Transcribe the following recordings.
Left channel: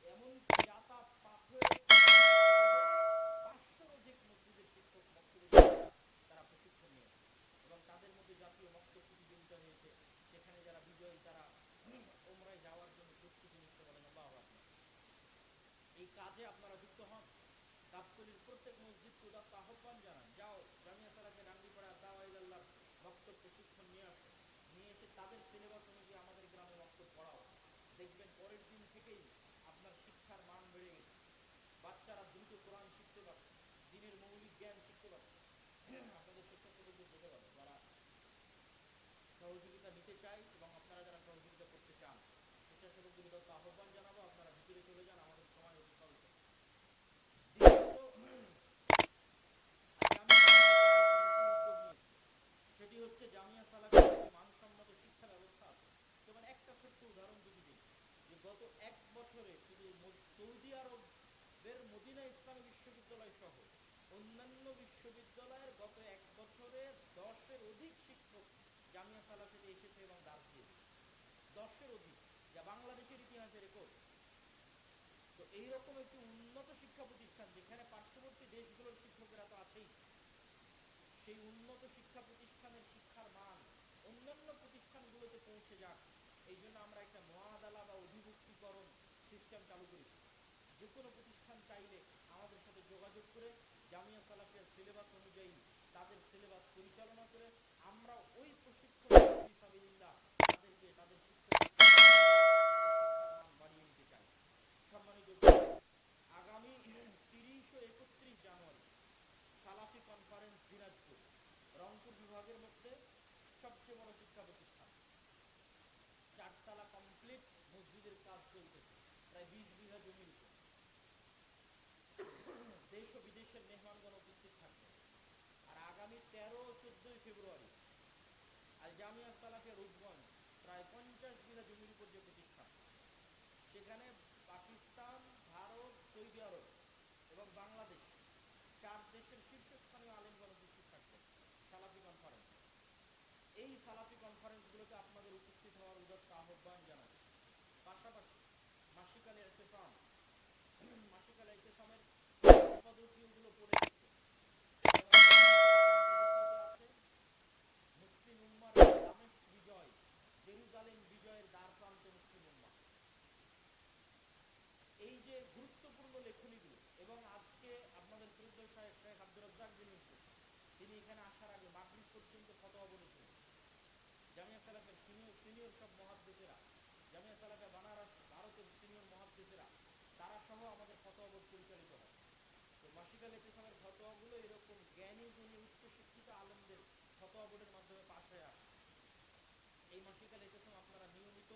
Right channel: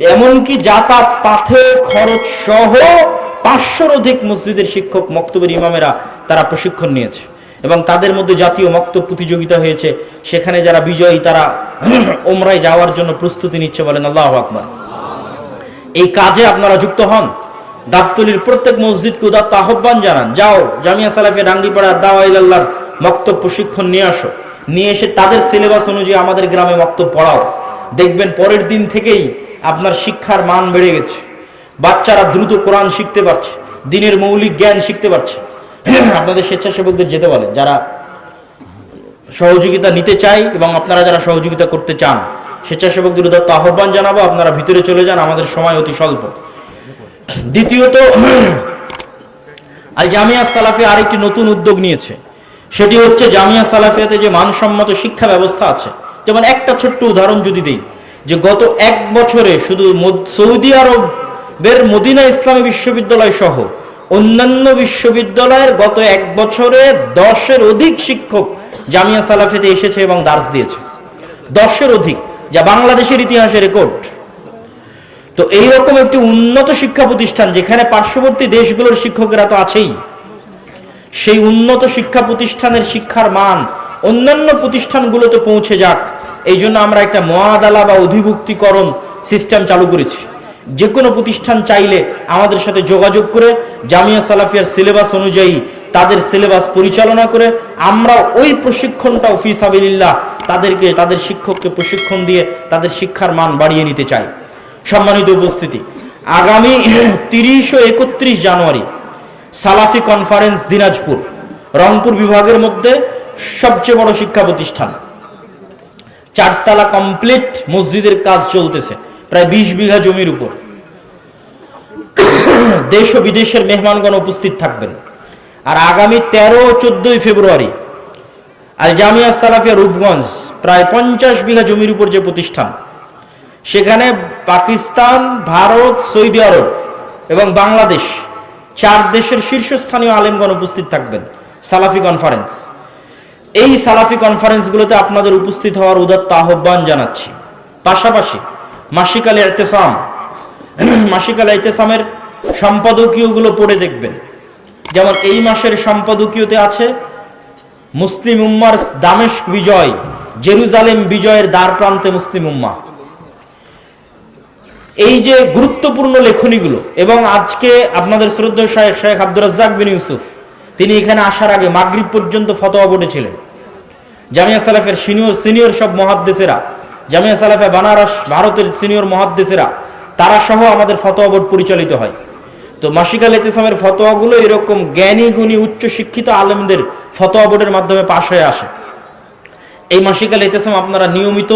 এমনকি যাতায়াত পাথে খরচ সহ পাঁচশোর অধিক মসজিদের শিক্ষক, মক্তবের ইমামেরা তারা প্রশিক্ষণ নিয়েছে। এবং তাদের মধ্যে জাতীয় মক্তব প্রতিযোগিতা হয়েছে। সেখানে যারা বিজয়ী, তারা ওমরায় যাওয়ার জন্য প্রস্তুতি নিচ্ছে বলেন আল্লাহ আকবর। এই কাজে আপনারা যুক্ত হন। গাবতলির প্রত্যেক মসজিদকে উদাত্ত আহ্বান জানান। যাও, জামিয়া সালাফে ডাঙ্গিপাড়া দাওয়াইল্লাহর মক্তব প্রশিক্ষণ নিয়ে আসো। নিয়ে এসে তাদের সিলেবাস অনুযায়ী আমাদের গ্রামে মক্তব পড়াও। দেখবেন পরের দিন থেকেই আপনার শিক্ষার মান বেড়ে গেছে। বাচ্চারা দ্রুত কোরআন শিখতে পারছে, দিনের মৌলিক জ্ঞান শিখতে পারছে। আপনাদের স্বেচ্ছাসেবকদের যেতে বলে, যারা সহযোগিতা নিতে চাই এবং আপনারা যারা সহযোগিতা করতে চান, স্বেচ্ছাসেবকদের উদাত্ত আহ্বান জানাব, আপনারা ভিতরে চলে যান, আমাদের সময় অতি স্বল্প। দ্বিতীয়ত আল জামিয়া সালাফি আরেকটি নতুন উদ্যোগ নিয়েছে। সেটি হচ্ছে জামিয়া সালাফিয়াতে যে মানসম্মত শিক্ষা ব্যবস্থা আছে যেমন একটা ছোট্ট উদাহরণ যদি দিই, যে গত এক বছরে শুধু সৌদি আরবের মদিনা ইসলামী বিশ্ববিদ্যালয় সহ অন্যান্য বিশ্ববিদ্যালয়ের গত এক বছরে দশের অধিক শিক্ষক জামিয়া সালাফিতে এসেছে এবং দার্স দিয়েছে। দশের অধিক, যা বাংলাদেশের ইতিহাসে রেকর্ড। তো এইরকম একটি উন্নত শিক্ষা প্রতিষ্ঠান যেখানে পার্শ্ববর্তী দেশগুলোর শিক্ষকেরা তো আছেই, সেই উন্নত শিক্ষা প্রতিষ্ঠানের শিক্ষার মান অন্যান্য প্রতিষ্ঠানগুলোতে পৌঁছে যাক। এই জন্য আমরা একটা মহাদালা বা অধিভুক্তিকরণ সিস্টেম চালু করেছি। যে কোনো প্রতিষ্ঠান চাইলে আমাদের সাথে যোগাযোগ করে, জামিয়া সালাফিয়ার সিলেবাস অনুযায়ী তাদের সিলেবাস পরিচালনা করে, আমরা ওই প্রশিক্ষণটা অফিস আবিল্লাহ তাদেরকে, তাদের শিক্ষককে প্রশিক্ষণ দিয়ে তাদের শিক্ষার মান বাড়িয়ে নিতে চাই। সম্মানিত উপস্থিতি, আগামী তিরিশ ও একত্রিশ জানুয়ারি সালাফি কনফারেন্স দিনাজপুর, রংপুর বিভাগের মধ্যে সবচেয়ে বড় শিক্ষা প্রতিষ্ঠান। চারতলা কমপ্লিট মসজিদের কাজ চলতেছে, প্রায় বিশ বিঘা জমির উপর। দেশ ও বিদেশের মেহমানগণ উপস্থিত থাকবেন। আর আগামী তেরো চোদ্দই ফেব্রুয়ারি আল জামিয়া সালাফিয়া রূপগঞ্জ প্রায় পঞ্চাশ বিঘা জমির উপর যে প্রতিষ্ঠান, সেখানে পাকিস্তান, ভারত, সৌদি আরব এবং বাংলাদেশ চার দেশের শীর্ষস্থানীয় আলেমগণ উপস্থিত থাকবেন। সালাফি কনফারেন্স এই সালাফি কনফারেন্সগুলোতে আপনাদের উপস্থিত হওয়ার উদাত্ত আহ্বান জানাচ্ছি। পাশাপাশি মাসিকাল এতেসাম, মাসিকাল এতেসামের সম্পাদকীয়গুলো পড়ে দেখবেন। যেমন এই মাসের সম্পাদকীয়তে আছে মুসলিম উম্মার দামেস্ক বিজয়, জেরুজালেম বিজয়ের দ্বার প্রান্তে মুসলিম উম্মা এই যে গুরুত্বপূর্ণ লেখনীগুলো এবং আজকে আপনাদের শ্রদ্ধা শাহেখ শেখ আব্দুর রাজ্জাক বিন ইউসুফ তিনি এখানে আসার আগে মাগরিব পর্যন্ত ফতোয়া বোর্ডে ছিলেন জামিয়া সালাফের সিনিয়র সিনিয়র সব মহাদ্দেশেরা, জামিয়া সালাফে বানারস ভারতের সিনিয়র মহাদ্দেশেরা তারা সহ আমাদের ফতোয়া বোর্ড পরিচালিত হয়। তো মাসিকাল ইতিসামের ফতোয়াগুলো এরকম জ্ঞানী, গুণী উচ্চ শিক্ষিত আলেমদের ফতোয়া বোর্ডের মাধ্যমে পাশ হয়ে আসে। এই মাসিকাল ইতেসাম আপনারা নিয়মিত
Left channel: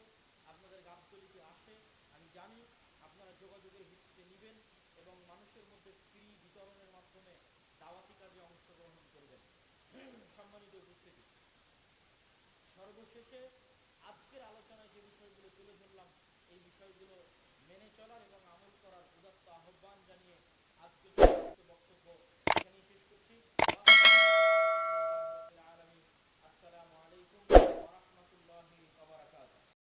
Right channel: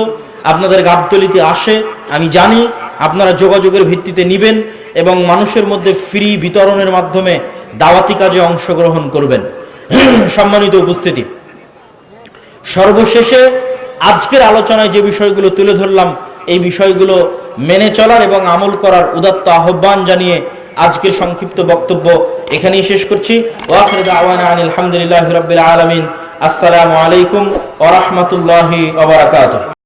আপনাদের গাবতলিতে আসে, আমি জানি আপনারা যোগাযোগের ভিত্তিতে নিবেন এবং মানুষের মধ্যে ফ্রি বিতরণের মাধ্যমে দাওয়াতি কাজে অংশগ্রহণ করবেন। সম্মানিত উপস্থিতি, সর্বশেষে আজকের আলোচনায় যে বিষয়গুলো তুলে ধরলাম, এই বিষয়গুলো মেনে চলার এবং আমল করার উদাত্ত আহ্বান জানিয়ে আজকের সংক্ষিপ্ত বক্তব্য এখানেই শেষ করছি। ওয়াখির দাওয়ানা আনিল হামদুলিল্লাহি রাব্বিল আলামিন। আসসালামু আলাইকুম ওয়া রাহমাতুল্লাহি ওয়া বারাকাতুহু।